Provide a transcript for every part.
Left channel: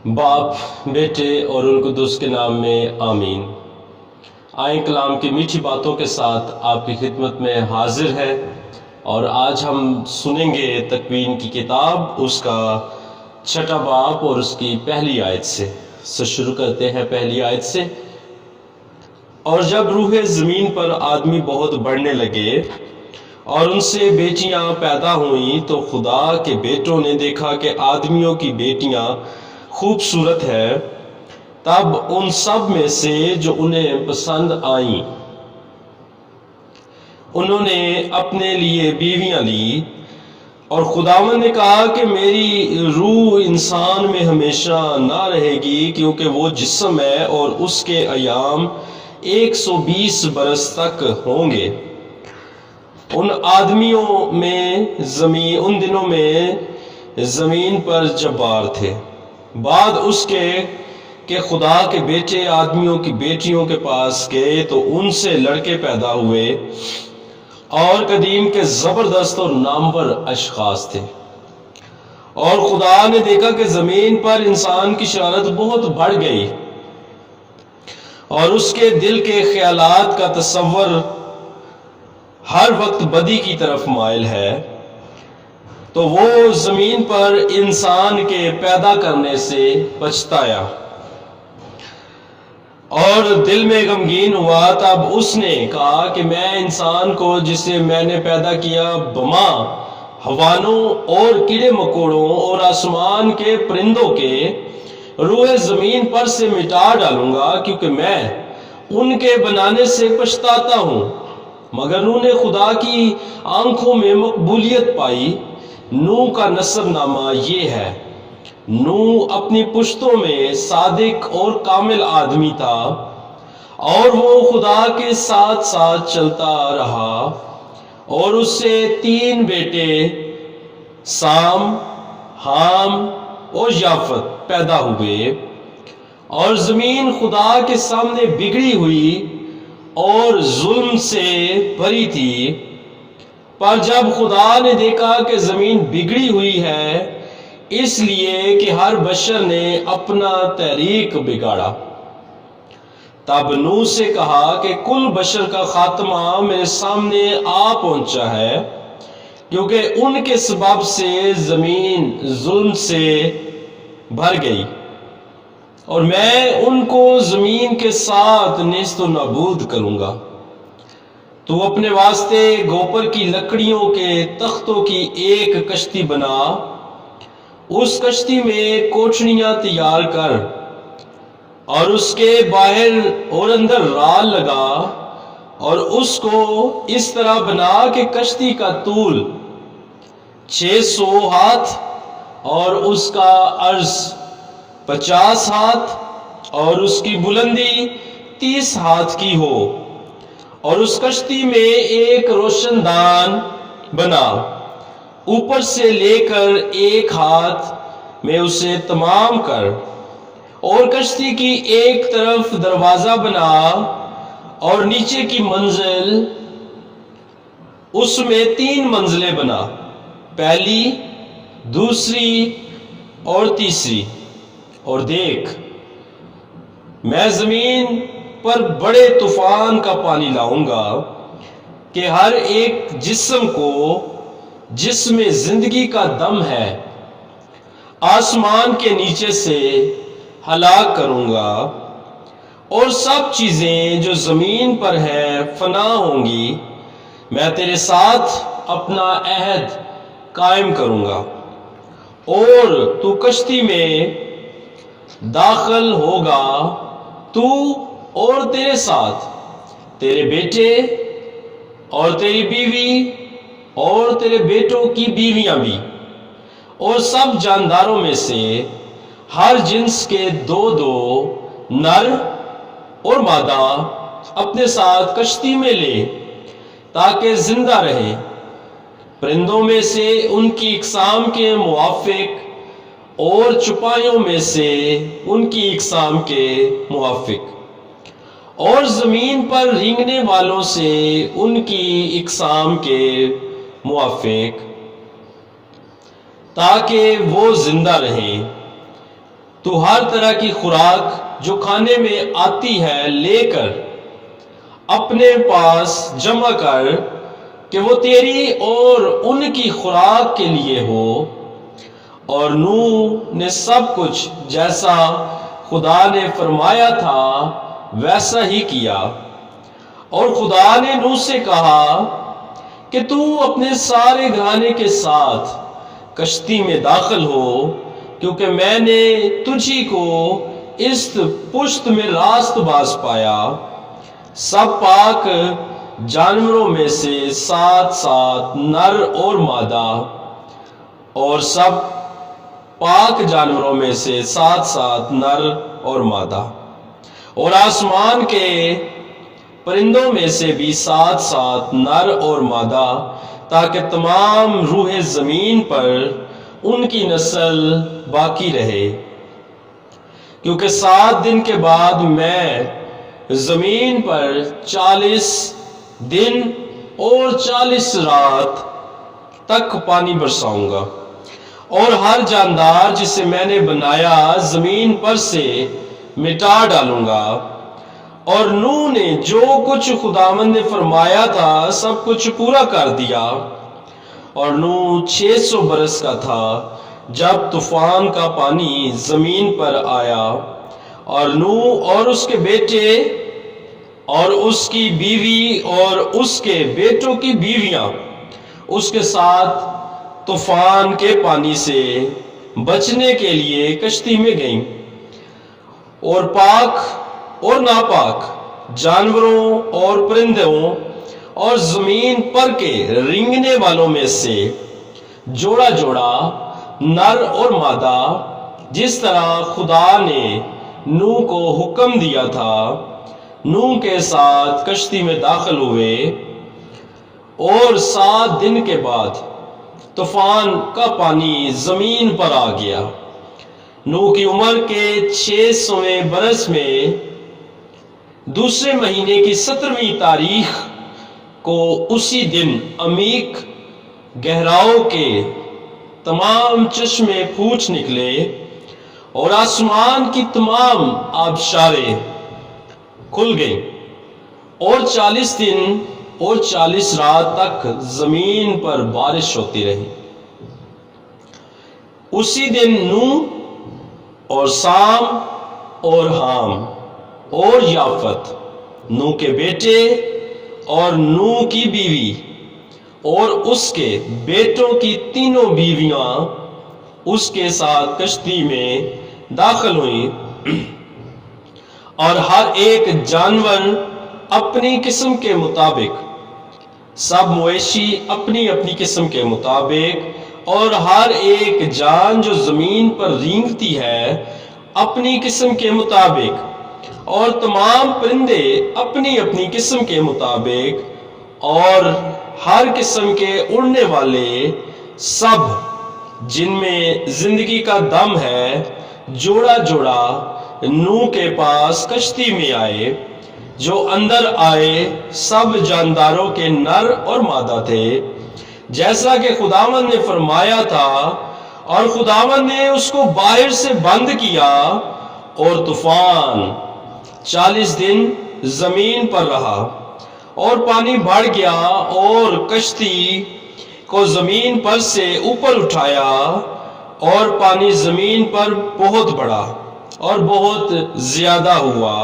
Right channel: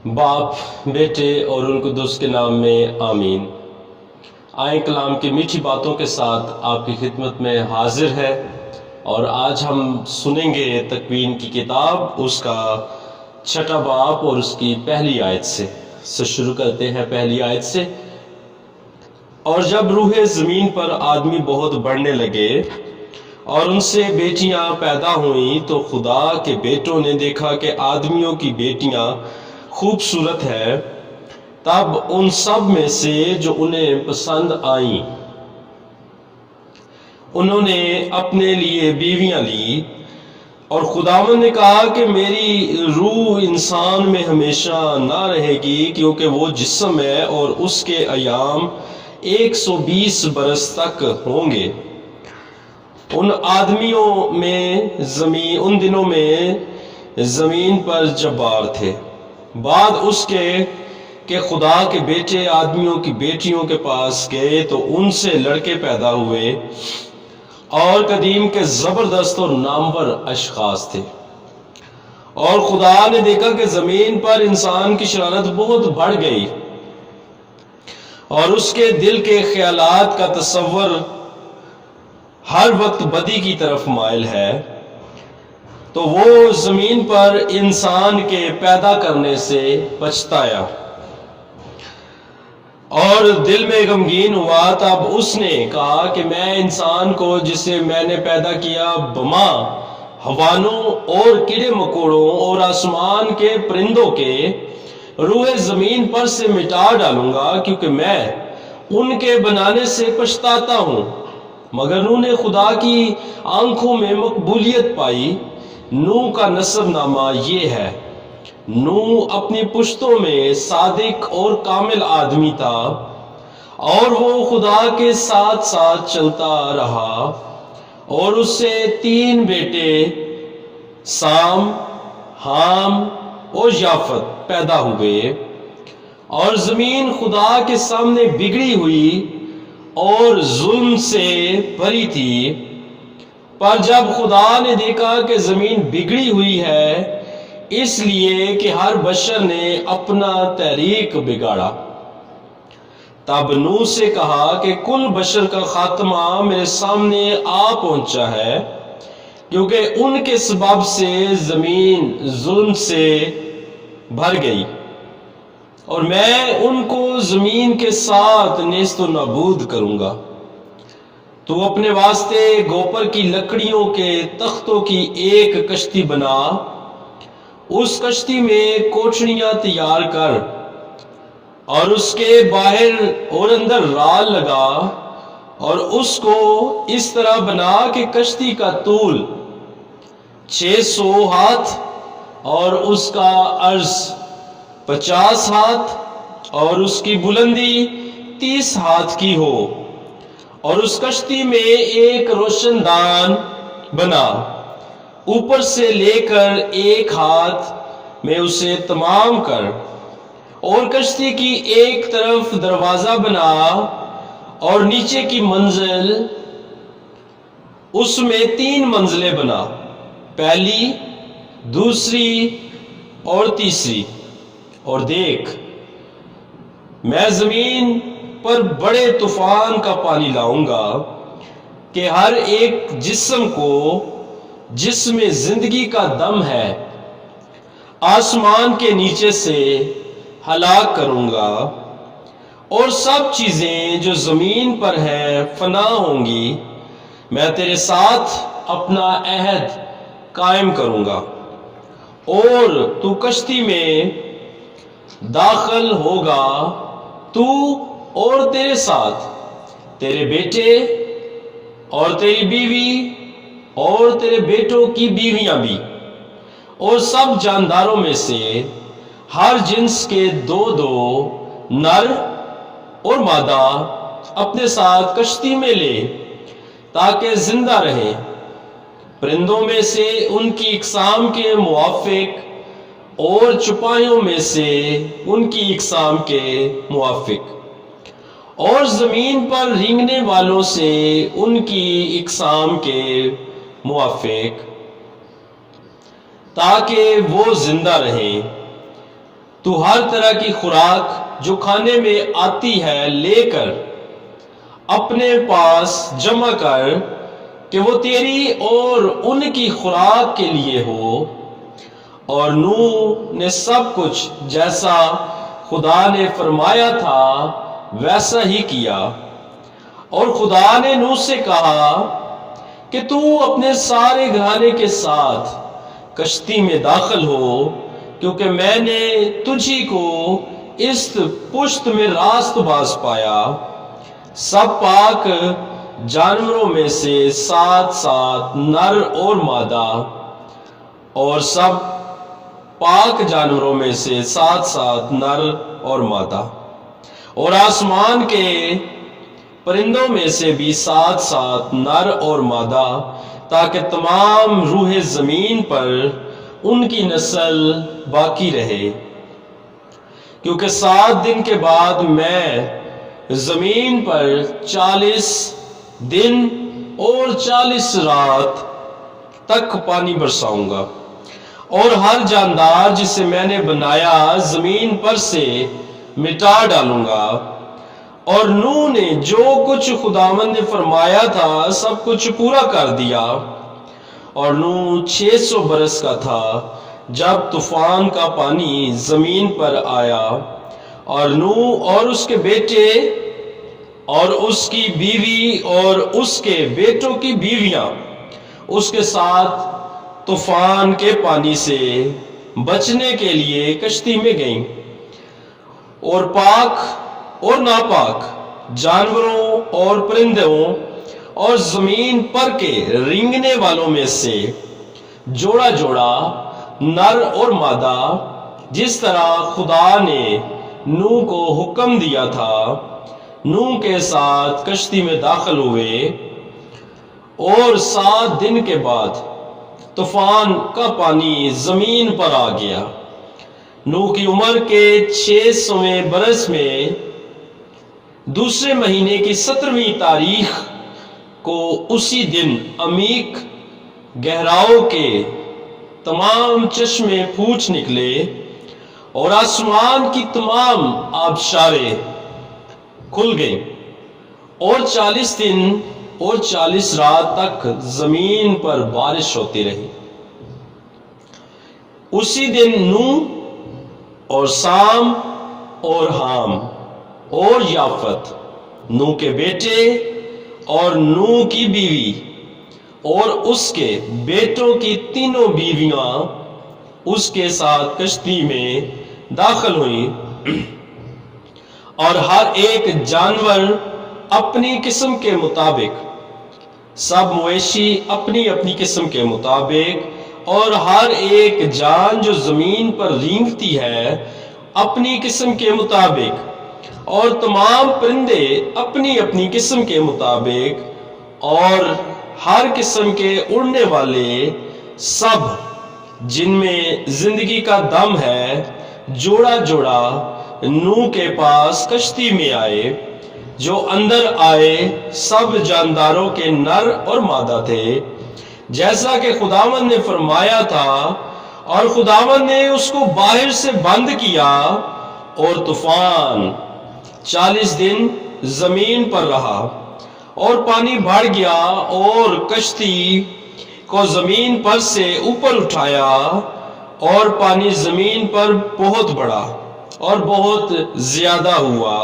باپ، بیٹے اور روح القدس کے نام میں آمین۔ آئیں کلام کی میٹھی باتوں کے ساتھ آپ کی خدمت میں حاضر ہے، اور آج ہم سنیں گے تکوین کی کتاب، اس کا 6 باب اور اس کی پہلی آیت سے شروع کرتے ہیں۔ پہلی آیت سے: اور جب روح زمین پر آدمی بہت بڑھنے لگے اور ان سے بیٹیاں پیدا ہوئیں، تو خدا کے بیٹوں نے دیکھا کہ آدمیوں کی بیٹیاں خوبصورت ہے۔ تب ان سب میں سے جو انہیں پسند آئیں، انہوں نے اپنے لیے بیویاں لی، اور خداوند نے کہا کہ میری روح انسان میں ہمیشہ نہ رہے گی، کیونکہ وہ جسم ہے اور اس کے ایام 120 برس تک ہوں گے۔ ان دنوں میں زمین پر جبار تھے، بعد اس کے کہ خدا کے بیٹے آدمیوں کی بیٹیوں کے پاس گئے تو ان سے لڑکے پیدا ہوئے، اور قدیم کے زبردست اور نامور اشخاص تھے۔ اور خدا نے دیکھا کہ زمین پر انسان کی شرارت بہت بڑھ گئی، اور اس کے دل کے خیالات کا تصور ہر وقت بدی کی طرف مائل ہے، تو وہ زمین پر انسان کے پیدا کرنے سے پچھتایا اور دل میں غمگین ہوا۔ تب اس نے کہا کہ میں انسان کو جسے میں نے پیدا کیا بما حیوانوں اور کیڑے مکوڑوں اور آسمان کے پرندوں کے روح زمین پر سے مٹا ڈالوں گا، کیونکہ میں ان کے بنانے سے پچھتاتا ہوں۔ مگر نوح نے خدا کی آنکھوں میں مقبولیت پائی۔ نوح کا نسب نامہ یہ ہے: نوح اپنی پشتوں میں صادق اور کامل آدمی تھا، اور وہ خدا کے ساتھ ساتھ چلتا رہا، اور اس سے 3 بیٹے سام، حام اور یافت پیدا ہوئے۔ اور زمین خدا کے سامنے بگڑی ہوئی اور ظلم سے بھری تھی، پر جب خدا نے دیکھا کہ زمین بگڑی ہوئی ہے، اس لیے کہ ہر بشر نے اپنا طریق بگاڑا، تب نوح سے کہا کہ کل بشر کا خاتمہ میرے سامنے آ پہنچا ہے، کیونکہ ان کے سبب سے زمین ظلم سے بھر گئی، اور میں ان کو زمین کے ساتھ نیست و نابود کروں گا۔ تو اپنے واسطے گوپر کی لکڑیوں کے تختوں کی ایک کشتی بنا، اس کشتی میں کوٹھڑیاں تیار کر، اور اس کے باہر اور اندر رال لگا، اور اس کو اس طرح بنا کہ کشتی کا طول 600 ہاتھ اور اس کا عرض 50 ہاتھ اور اس کی بلندی 30 ہاتھ کی ہو، اور اس کشتی میں ایک روشن دان بنا، اوپر سے لے کر 1 ہاتھ میں اسے تمام کر، اور کشتی کی ایک طرف دروازہ بنا، اور نیچے کی منزل اس میں 3 منزلیں بنا، پہلی، دوسری اور تیسری۔ اور دیکھ، میں زمین پر بڑے طوفان کا پانی لاؤں گا کہ ہر ایک جسم کو جس میں زندگی کا دم ہے آسمان کے نیچے سے ہلاک کروں گا، اور سب چیزیں جو زمین پر ہیں فنا ہوں گی۔ میں تیرے ساتھ اپنا عہد قائم کروں گا، اور تو کشتی میں داخل ہوگا، تو اور تیرے ساتھ تیرے بیٹے اور تیری بیوی اور تیرے بیٹوں کی بیویاں بھی، اور سب جانداروں میں سے ہر جنس کے 2 نر اور مادہ اپنے ساتھ کشتی میں لے، تاکہ زندہ رہیں، پرندوں میں سے ان کی اقسام کے موافق اور چپائیوں میں سے ان کی اقسام کے موافق، اور زمین پر رینگنے والوں سے ان کی اقسام کے موافق، تاکہ وہ زندہ رہیں۔ تو ہر طرح کی خوراک جو کھانے میں آتی ہے لے کر اپنے پاس جمع کر کہ وہ تیری اور ان کی خوراک کے لیے ہو۔ اور نوح نے سب کچھ جیسا خدا نے فرمایا تھا ویسا ہی کیا۔ اور خدا نے نوح سے کہا کہ تو اپنے سارے گھرانے کے ساتھ کشتی میں داخل ہو، کیونکہ میں نے تجھی کو اس پشت میں راست باز پایا۔ سب پاک جانوروں میں سے 7 نر اور مادہ، اور سب پاک جانوروں میں سے 7 نر اور مادہ، اور آسمان کے پرندوں میں سے بھی 7 نر اور مادہ، تاکہ تمام روح زمین پر ان کی نسل باقی رہے۔ کیونکہ 7 دن کے بعد میں زمین پر 40 دن اور 40 رات تک پانی برساؤں گا، اور ہر جاندار جسے میں نے بنایا زمین پر سے مٹا ڈالوں گا۔ اور نوح نے جو کچھ خداوند نے فرمایا تھا سب کچھ پورا کر دیا۔ اور نوح 600 برس کا تھا جب طوفان کا پانی زمین پر آیا، اور نوح اور اس کے بیٹے اور اس کی بیوی اور اس کے بیٹوں کی بیویاں اس کے ساتھ طوفان کے پانی سے بچنے کے لیے کشتی میں گئیں، اور پاک اور ناپاک جانوروں اور پرندوں اور زمین پر کے رینگنے والوں میں سے جوڑا جوڑا نر اور مادہ، جس طرح خدا نے نوح کو حکم دیا تھا، نوح کے ساتھ کشتی میں داخل ہوئے۔ اور 7 دن کے بعد طوفان کا پانی زمین پر آ گیا۔ نوح کی عمر کے 600ویں برس میں دوسرے مہینے کی 17ویں تاریخ کو اسی دن عمیق گہراؤں کے تمام چشمے پھوٹ نکلے، اور آسمان کی تمام آبشاریں کھل گئیں، اور 40 دن اور 40 رات تک زمین پر بارش ہوتی رہی۔ اسی دن نوح اور سام اور حام اور یافت، نوح کے بیٹے اور نوح کی بیوی اور اس کے بیٹوں کی تینوں بیویاں اس کے ساتھ کشتی میں داخل ہوئیں، اور ہر ایک جانور اپنی قسم کے مطابق، سب مویشی اپنی اپنی قسم کے مطابق، اور ہر ایک جان جو زمین پر رینگتی ہے اپنی قسم کے مطابق، اور تمام پرندے اپنی اپنی قسم کے مطابق، اور ہر قسم کے اڑنے والے سب جن میں زندگی کا دم ہے، جوڑا جوڑا نوح کے پاس کشتی میں آئے۔ جو اندر آئے سب جانداروں کے نر اور مادہ تھے، جیسا کہ خداوند نے فرمایا تھا، اور خداوند نے اس کو باہر سے بند کیا، اور طوفان 40 دن زمین پر رہا، اور پانی بڑھ گیا اور کشتی کو زمین پر سے اوپر اٹھایا، اور پانی زمین پر بہت بڑھا اور بہت زیادہ ہوا،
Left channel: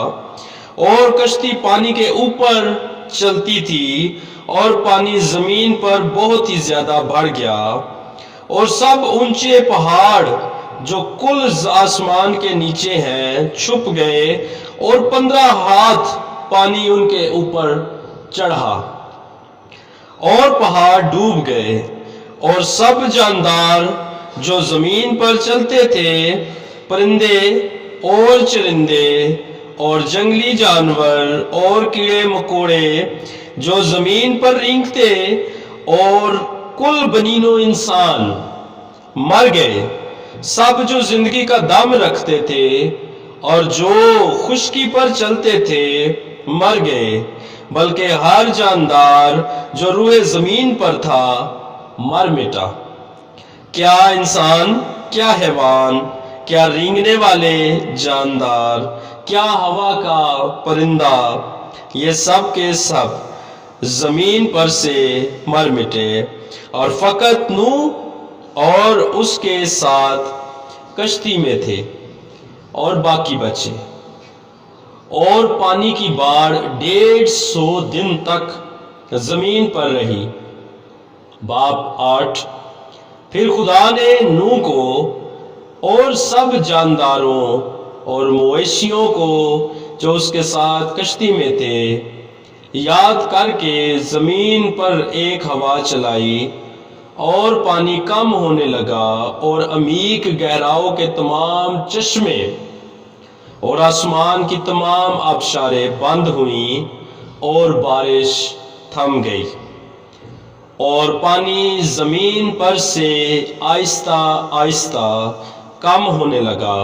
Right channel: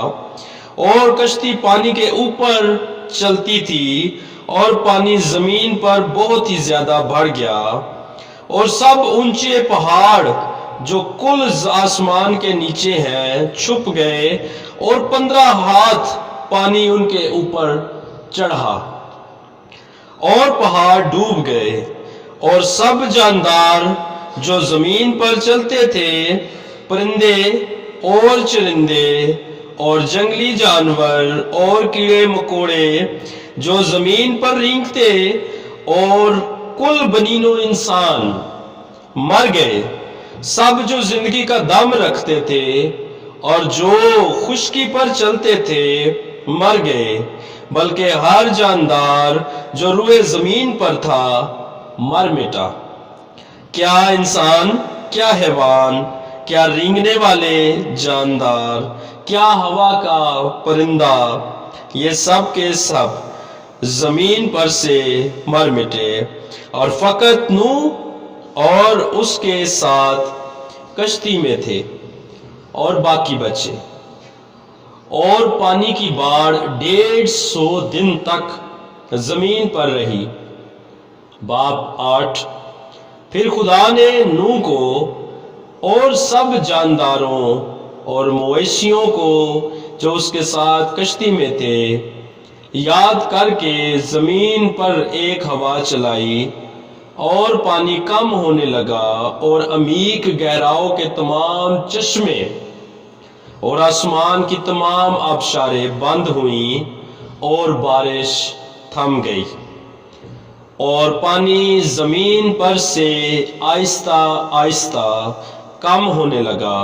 اور کشتی پانی کے اوپر چلتی تھی، اور پانی زمین پر بہت ہی زیادہ بڑھ گیا، اور سب اونچے پہاڑ جو کل آسمان کے نیچے ہیں چھپ گئے، اور 15 ہاتھ پانی ان کے اوپر چڑھا، اور پہاڑ ڈوب گئے، اور سب جاندار جو زمین پر چلتے تھے، پرندے اور چرندے اور جنگلی جانور اور کیڑے مکوڑے جو زمین پر رینگتے، اور کل بنین و انسان مر گئے، سب جو زندگی کا دم رکھتے تھے اور جو خشکی پر چلتے تھے مر گئے، بلکہ ہر جاندار جو روئے زمین پر تھا مر مٹا، کیا انسان، کیا حیوان، کیا رینگنے والے جاندار، کیا ہوا کا پرندہ، یہ سب کے سب زمین پر سے مر مٹے، اور فقط نوح اور اس کے ساتھ کشتی میں تھے اور باقی بچے۔ اور پانی کی باڑھ 150 دن تک زمین پر رہی۔ باب 8۔ پھر خدا نے نوح کو اور سب جانداروں اور مویشیوں کو جو اس کے ساتھ کشتی میں تھے یاد کر کے زمین پر ایک ہوا چلائی، اور پانی کم ہونے لگا، اور عمیق گہراؤں کے تمام چشمے اور آسمان کی تمام آبشاریں بند ہوئیں، اور بارش تھم گئی، اور پانی زمین پر سے آہستہ آہستہ کم ہونے لگا،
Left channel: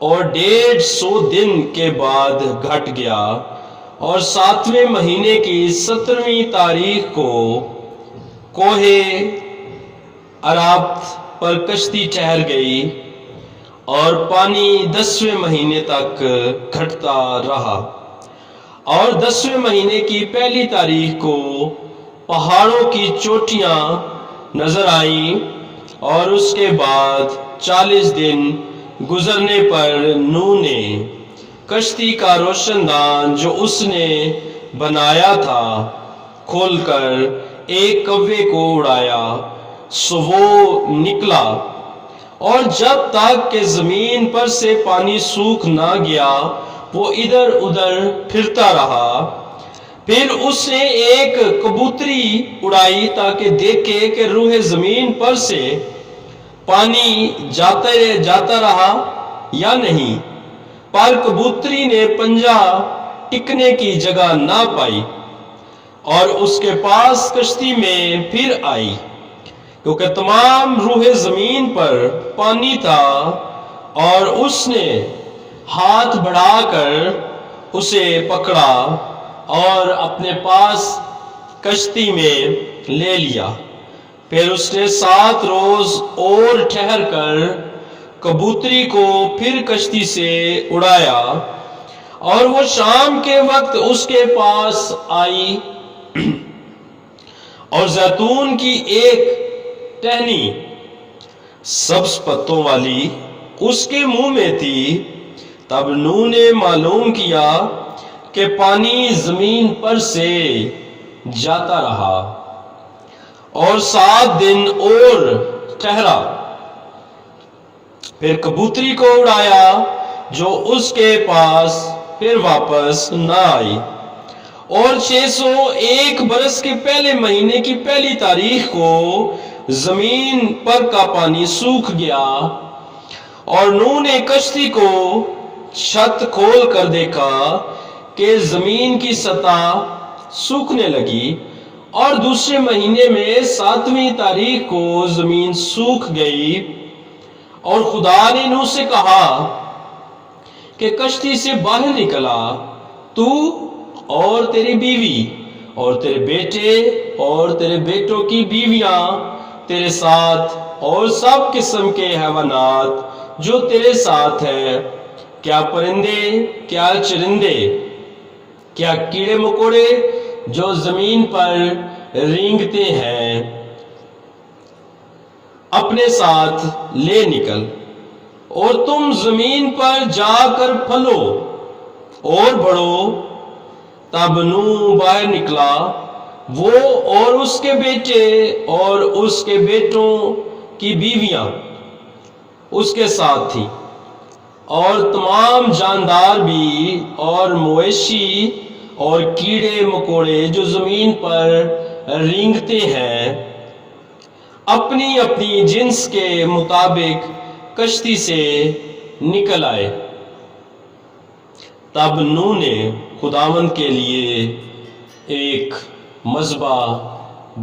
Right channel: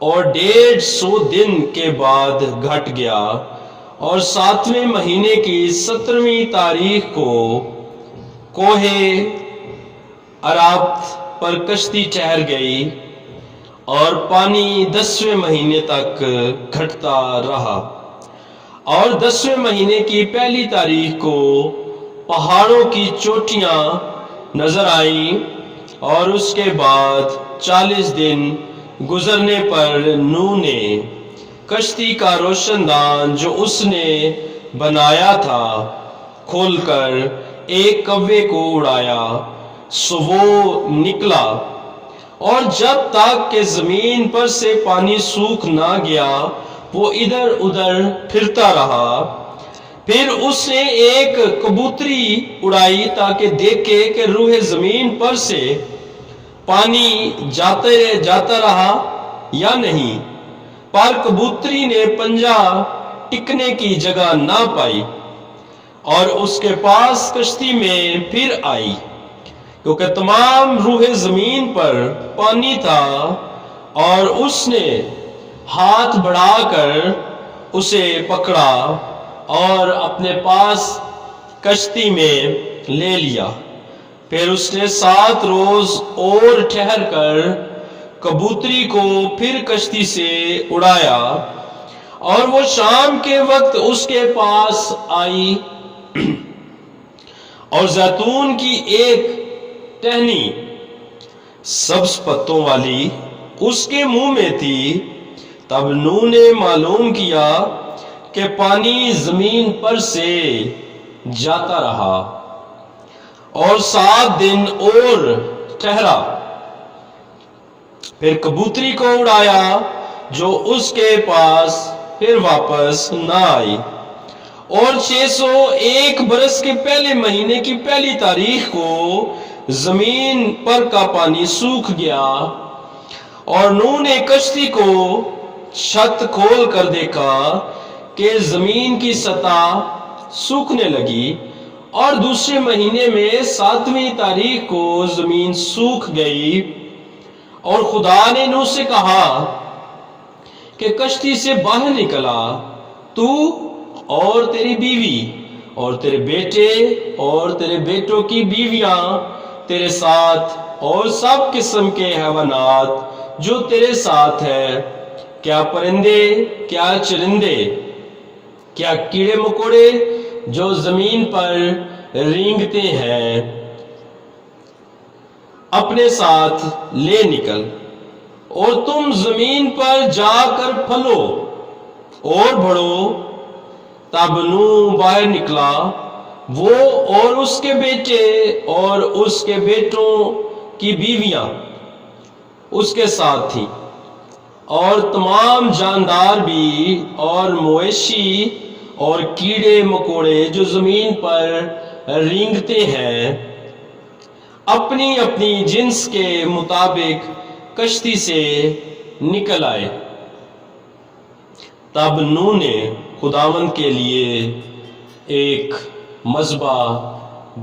اور 150 دن کے بعد گھٹ گیا، اور 7ویں مہینے کی 17ویں تاریخ کو کوہ عرابت پر کشتی ٹھہر گئی، اور پانی 10ویں مہینے تک گھٹتا رہا۔ اور 10ویں مہینے کی پہلی تاریخ کو پہاڑوں کی چوٹیاں نظر آئیں، اور اس کے بعد 40 دن گزرنے پر نوح نے کشتی کا روشن دان جو اس نے بنایا تھا کھول کر ایک کوے کو اڑایا، سو وہ نکلا، اور جب تک کہ زمین پر سے پانی سوکھ نہ گیا وہ ادھر ادھر پھرتا رہا۔ پھر اس نے ایک کبوتری اڑائی تاکہ دیکھے کہ روح زمین پر سے پانی جاتا رہا یا نہیں، پر کبوتری نے پنجہ ٹکنے کی جگہ نہ پائی، اور اس کے پاس کشتی میں پھر آئی، کیونکہ تمام روح زمین پر پانی تھا، اور اس نے ہاتھ بڑھا کر اسے پکڑا اور اپنے پاس کشتی میں لے لیا۔ پھر اس نے 7 روز اور ٹھہر کر کبوتری کو پھر کشتی سے اڑایا، اور وہ شام کے وقت اس کے پاس آئی، اور زیتون کی ایک ٹہنی سبز پتوں والی اس کے منہ میں تھی۔ تب نوح نے معلوم کیا کہ پانی زمین پر سے جاتا رہا، اور 7 دن اور ٹھہرا۔ پھر کبوتری کو اڑایا جو اس کے پاس پھر واپس نہ آئی، اور 601 برس کے پہلے مہینے کی پہلی تاریخ کو زمین پر کا پانی سوکھ گیا، اور نوح نے کشتی کو چھت کھول کر دیکھا کہ زمین کی سطح سوکھنے لگی، اور دوسرے مہینے میں 7ویں تاریخ کو زمین سوکھ گئی۔ اور خدا نے نوح سے کہا کہ کشتی سے باہر نکلا، تو اور تیری بیوی اور تیرے بیٹے اور تیرے بیٹوں کی بیویاں تیرے ساتھ، اور سب قسم کے حیوانات جو تیرے ساتھ ہیں، کیا پرندے، کیا چرندے، کیا کیڑے مکوڑے جو زمین پر رینگتے ہیں، اپنے ساتھ لے نکل، اور تم زمین پر جا کر پھلو اور بڑھو۔ تب نوح باہر نکلا، وہ اور اس کے بیٹے اور اس کے بیٹوں کی بیویاں اس کے ساتھ تھیں، اور تمام جاندار بھی اور مویشی اور کیڑے مکوڑے جو زمین پر رینگتے ہیں، اپنی اپنی جنس کے مطابق کشتی سے نکل آئے۔ تب نوح نے خداوند کے لیے ایک مذبح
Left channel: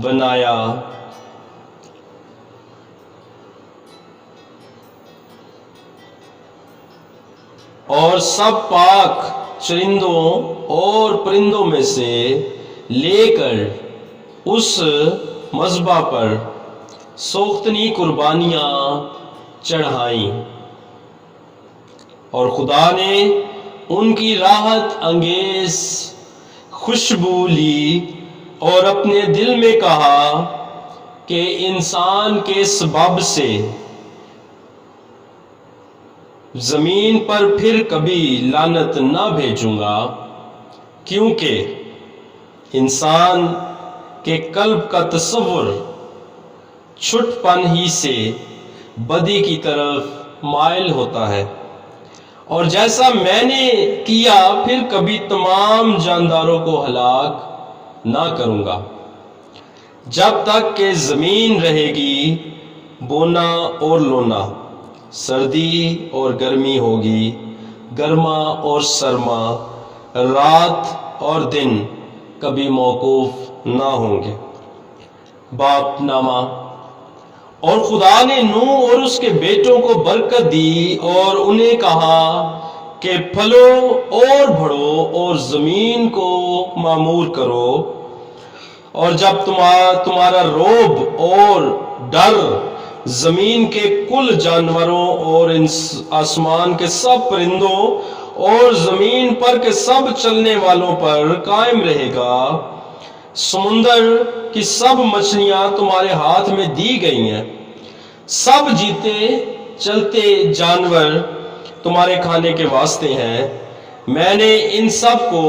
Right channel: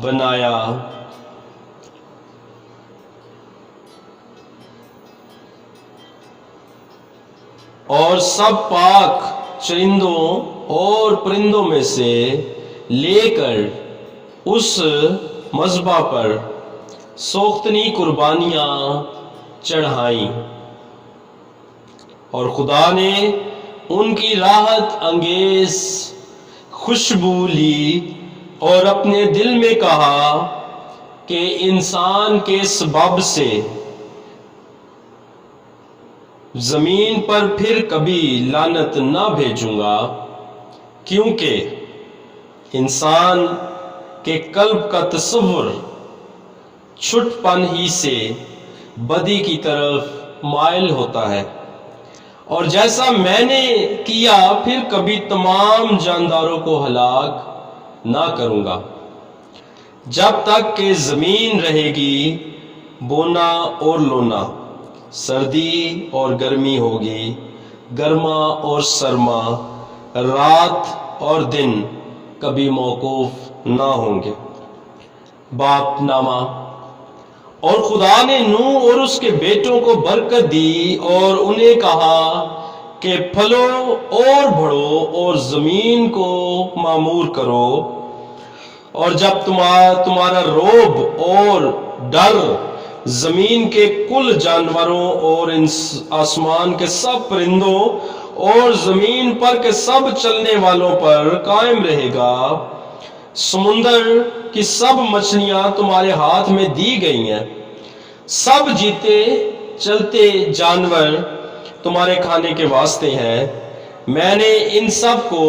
بنایا، اور سب پاک چرندوں اور پرندوں میں سے لے کر اس مذبح پر سوختنی قربانیاں چڑھائیں، اور خدا نے ان کی راحت انگیز خوشبو لی اور اپنے دل میں کہا کہ انسان کے سبب سے زمین پر پھر کبھی لعنت نہ بھیجوں گا، کیونکہ انسان کے قلب کا تصور چھٹ پن ہی سے بدی کی طرف مائل ہوتا ہے، اور جیسا میں نے کیا پھر کبھی تمام جانداروں کو ہلاک نہ کروں گا، جب تک کہ زمین رہے گی بونا اور لونا، سردی اور گرمی ہوگی، گرما اور سرما، رات اور دن کبھی موقوف نہ ہوں گے۔ باپ نامہ۔ اور خدا نے نوح اور اس کے بیٹوں کو برکت دی اور انہیں کہا کہ پھلو اور بڑھو اور زمین کو معمور کرو، اور جب تمہارا رعب اور ڈر زمین کے کل جانوروں اور آسمان کے سب پرندوں اور زمین پر کے سب چلنے والوں پر قائم رہے گا، سمندر کی سب مچھلیاں تمہارے ہاتھ میں دی گئی ہیں، سب جیتے چلتے جانور تمہارے کھانے کے واسطے ہیں، میں نے ان سب کو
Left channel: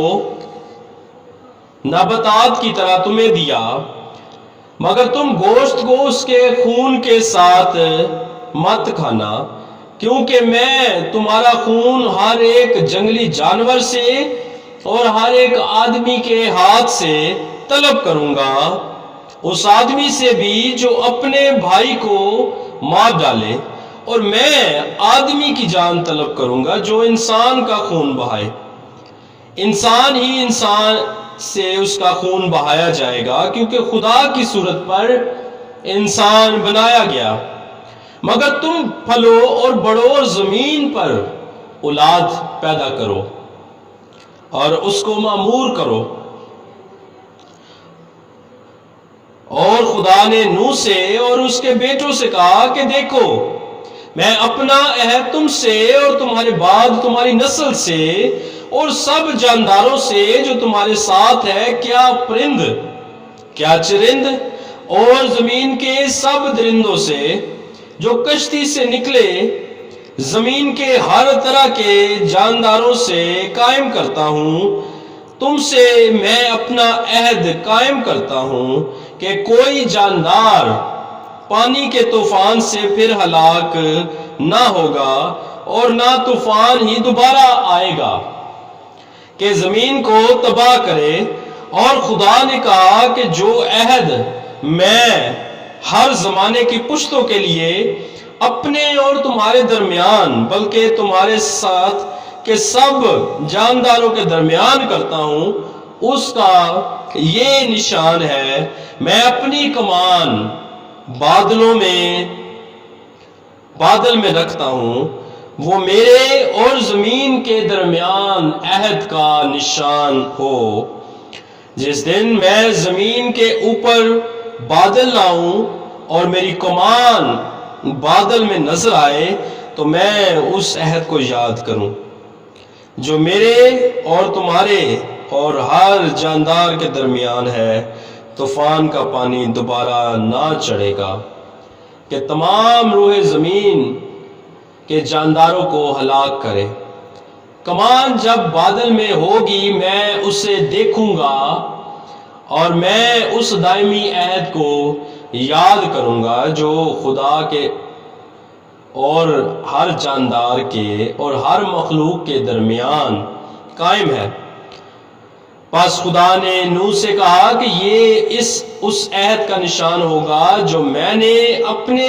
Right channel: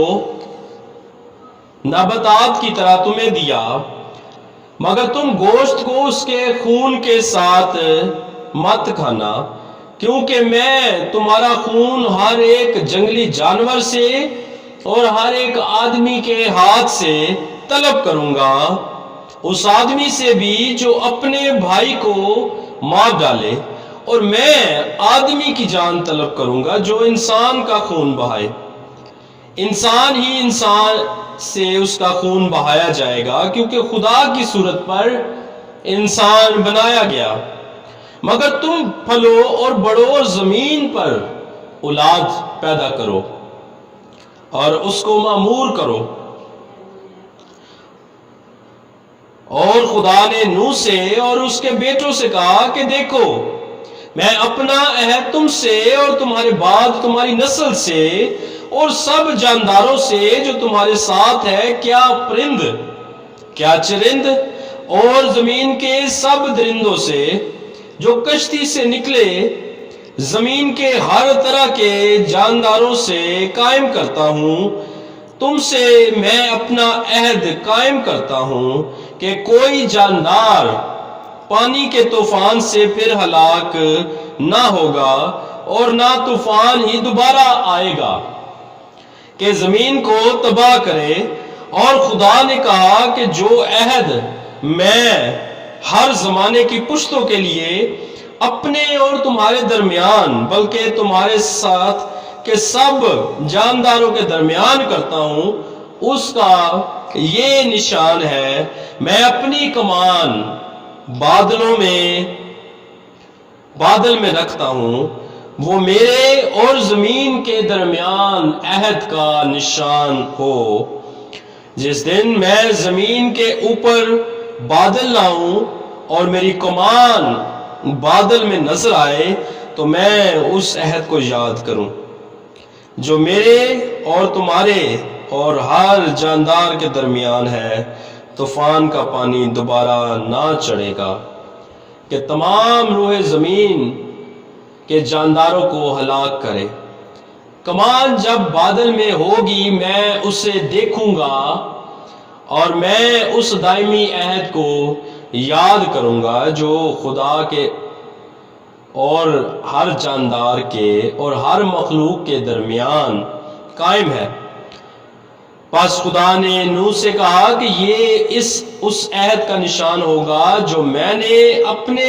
نباتات کی طرح تمہیں دیا، مگر تم گوشت کو اس کے خون کے ساتھ مت کھانا، کیونکہ میں تمہارا خون ہر ایک جنگلی جانور سے اور ہر ایک آدمی کے ہاتھ سے طلب کروں گا، اس آدمی سے بھی جو اپنے بھائی کو مار ڈالے، اور میں آدمی کی جان طلب کروں گا جو انسان کا خون بہائے، انسان ہی انسان سے اس کا خون بہایا جائے گا، کیونکہ خدا کی صورت پر انسان بنایا گیا، مگر تم پھلو اور بڑھو اور زمین پر اولاد پیدا کرو اور اس کو معمور کرو۔ اور خدا نے نوح سے اور اس کے بیٹوں سے کہا کہ دیکھو، میں اپنا عہد تم سے اور تمہارے بعد تمہاری نسل سے اور سب جانداروں سے جو تمہارے ساتھ ہے، کیا پرند کیا چرند اور زمین کے سب درندوں سے جو کشتی سے نکلے، زمین کے ہر طرح کے جانداروں سے قائم کرتا ہوں، تم سے میں اپنا عہد قائم کرتا ہوں کہ کوئی جاندار پانی کے طوفان سے پھر ہلاک نہ ہوگا، اور نہ طوفان ہی دوبارہ آئے گا کہ زمین کو تباہ کرے۔ اور خدا نے کہا کہ جو عہد میں ہر زمانے کی پشتوں کے لیے اپنے اور تمہارے درمیان بلکہ تمہارے ساتھ کے سب جانداروں کے درمیان کرتا ہوں، اس کا یہ نشان ہے، میں اپنی کمان بادل میں رکھتا ہوں، وہ میرے اور زمین کے درمیان عہد کا نشان ہو۔ جس دن میں زمین کے اوپر بادل لاؤں اور میری کمان بادل میں نظر آئے، تو میں اس عہد کو یاد کروں جو میرے اور تمہارے اور ہر جاندار کے درمیان ہے۔ طوفان کا پانی دوبارہ نہ چڑھے گا کہ تمام روح زمین کے جانداروں کو ہلاک کرے۔ کمان جب بادل میں ہوگی میں اسے دیکھوں گا، اور میں اس دائمی عہد کو یاد کروں گا جو خدا کے اور ہر جاندار کے اور ہر مخلوق کے درمیان قائم ہے۔ پس خدا نے نوح سے کہا کہ یہ اس عہد کا نشان ہوگا جو میں نے اپنے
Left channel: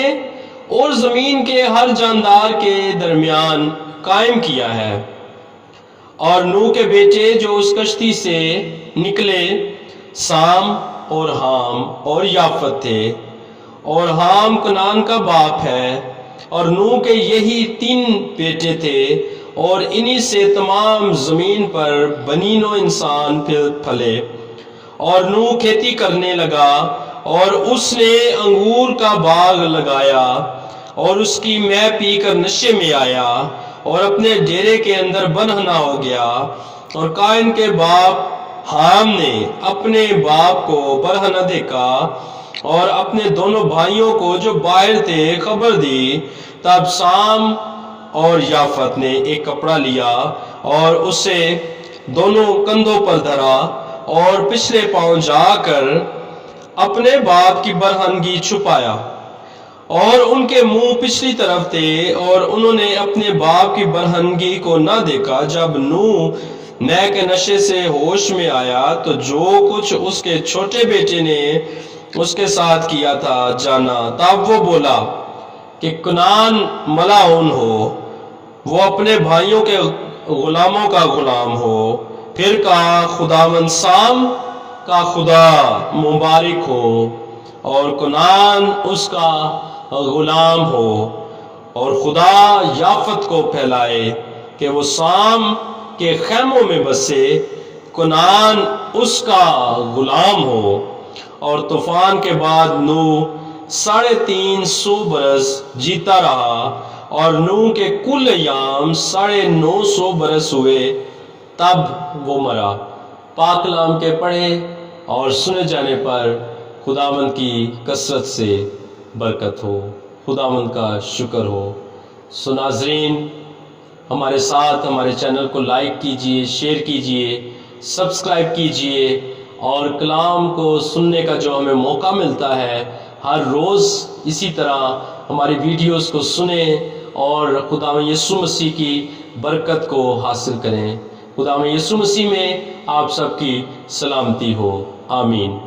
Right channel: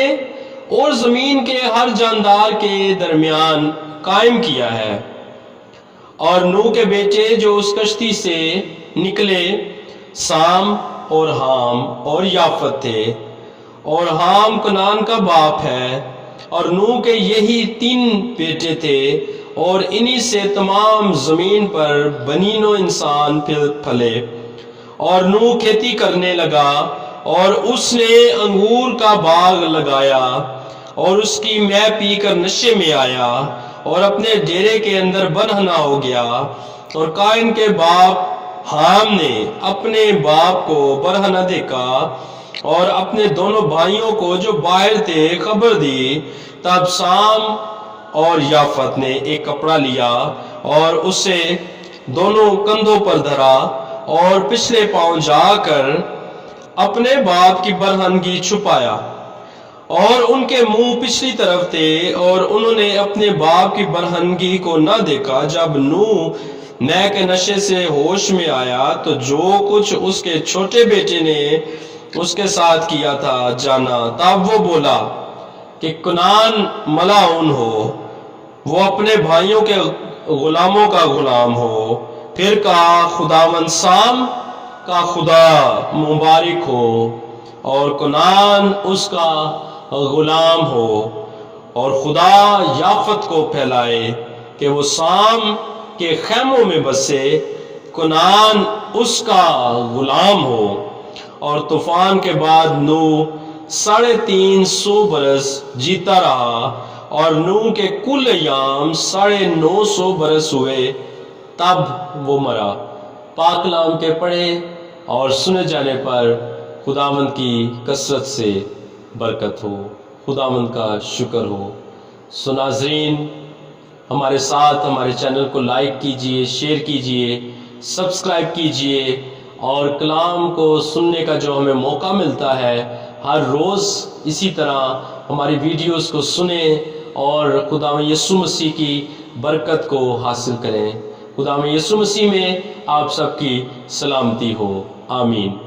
اور زمین کے ہر جاندار کے درمیان قائم کیا ہے۔ اور نوح کے بیٹے جو اس کشتی سے نکلے سام اور حام اور یافت تھے، اور حام کنعان کا باپ ہے، اور نوح کے یہی 3 بیٹے تھے، اور انہی سے تمام زمین پر بنین و انسان پھلے۔ اور نوح کھیتی کرنے لگا، اور اس نے انگور کا باغ لگایا، اور اس کی مے پی کر نشے میں آیا، اور اپنے ڈیرے کے اندر بنہنا ہو گیا، اور قائن کے باپ حام نے اپنے باپ کو برہنہ دیکھا اور اپنے دونوں بھائیوں کو جو باہر تھے خبر دی۔ تب سام اور یافت نے ایک کپڑا لیا اور اسے دونوں کندھوں پر دھرا اور پچھلے پاؤں جا کر اپنے باپ کی برہنگی چھپایا، اور ان کے منہ پچھلی طرف تھے، اور انہوں نے اپنے باپ کی برہنگی کو نہ دیکھا۔ جب نوح مے کے نشے سے ہوش میں آیا تو جو کچھ اس کے چھوٹے بیٹے نے اس کے ساتھ کیا تھا جانا۔ تب وہ بولا کہ کنعان ملعون ہو، وہ اپنے بھائیوں کے غلاموں کا غلام ہو۔ پھر کہا خداوند سام کا خدا مبارک ہو اور کنعان اس کا غلام ہو، اور خدا یافت کو پھیلائے کہ وہ سام کے خیموں میں بسے، کنعان اس کا غلام ہو۔ اور طوفان کے بعد نوح 350 برس جیتا رہا، اور نوح کے کل ایام 950 برس ہوئے، تب وہ مرا۔ پاک کلام کے پڑھے اور سنے جانے پر خداوند کی کثرت سے برکت ہو، خداوند کا شکر ہو۔ سو ناظرین، ہمارے ساتھ ہمارے چینل کو لائک کیجئے، شیئر کیجئے، سبسکرائب کیجئے، اور کلام کو سننے کا جو ہمیں موقع ملتا ہے ہر روز اسی طرح ہماری ویڈیوز کو سنیں اور خداوند یسوع مسیح کی برکت کو حاصل کریں۔ خداوند یسوع مسیح میں آپ سب کی سلامتی ہو، آمین۔